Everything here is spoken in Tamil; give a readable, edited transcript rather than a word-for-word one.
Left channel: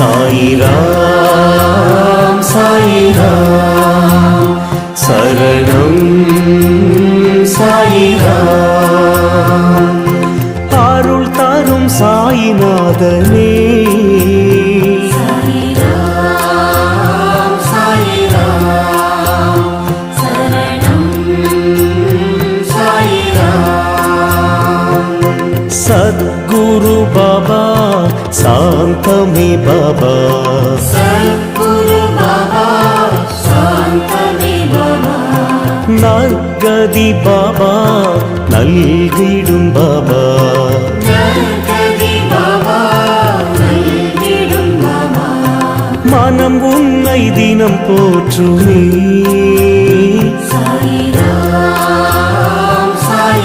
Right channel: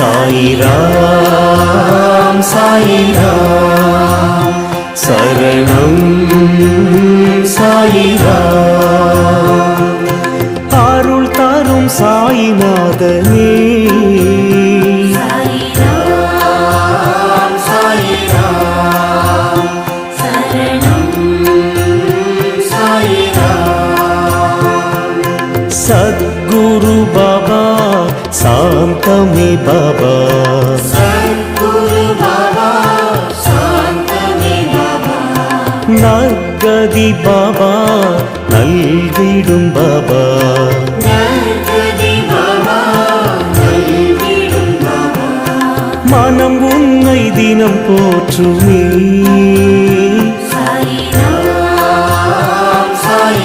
சாயிராம் சாயிராம் சரணம் சாயிராம் அருள் தரும் சாயிநாதனே सद्गुरु बाबा शांतमे बाबा नर्गदि बाबा नल्गिडुम बाबा மனம் உன்னை தினம் போற்றுமே